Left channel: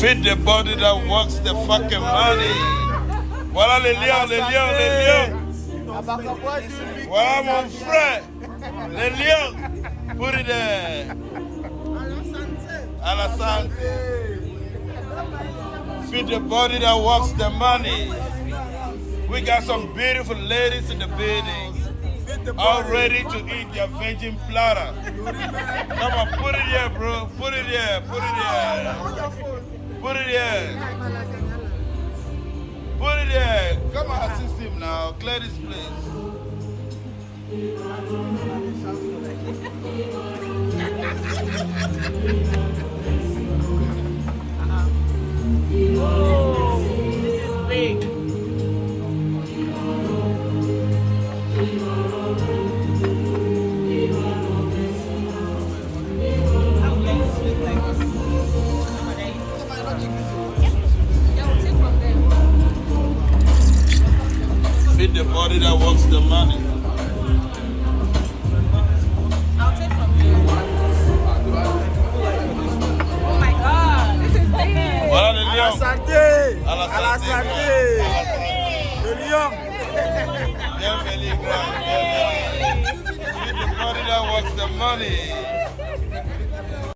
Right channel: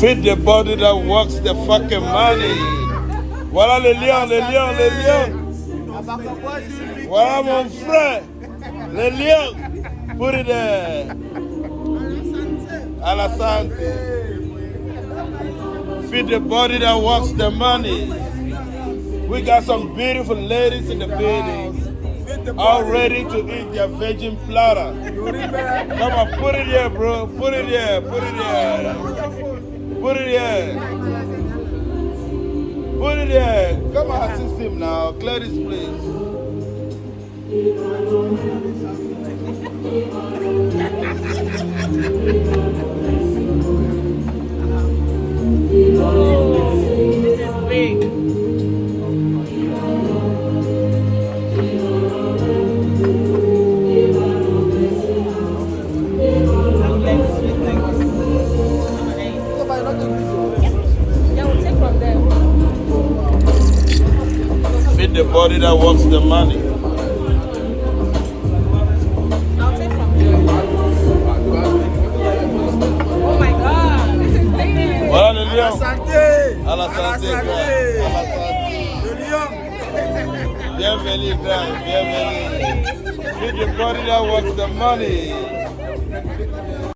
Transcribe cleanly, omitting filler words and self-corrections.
Feed the body that works the fucking money. Voilà les lions, les lions, les lions. Voilà mon frère. Les lions. Put it there. À la santé. Feed the body that works the money. We got some beautiful ladies in the building. All ready to eat their virgin platter. Come on, put it here, bro. Put it here. Put it here. Put it here. Put it here. Come on, assist him now. Clear this place. Oh, this is big. Feed the body that works the money. I'll take from you. Oh my God, this is big. Voilà les À la lions. santé. À la À la santé. santé. Le lion. Bienvenue, boy. Bienvenue. Feed the body that works the money.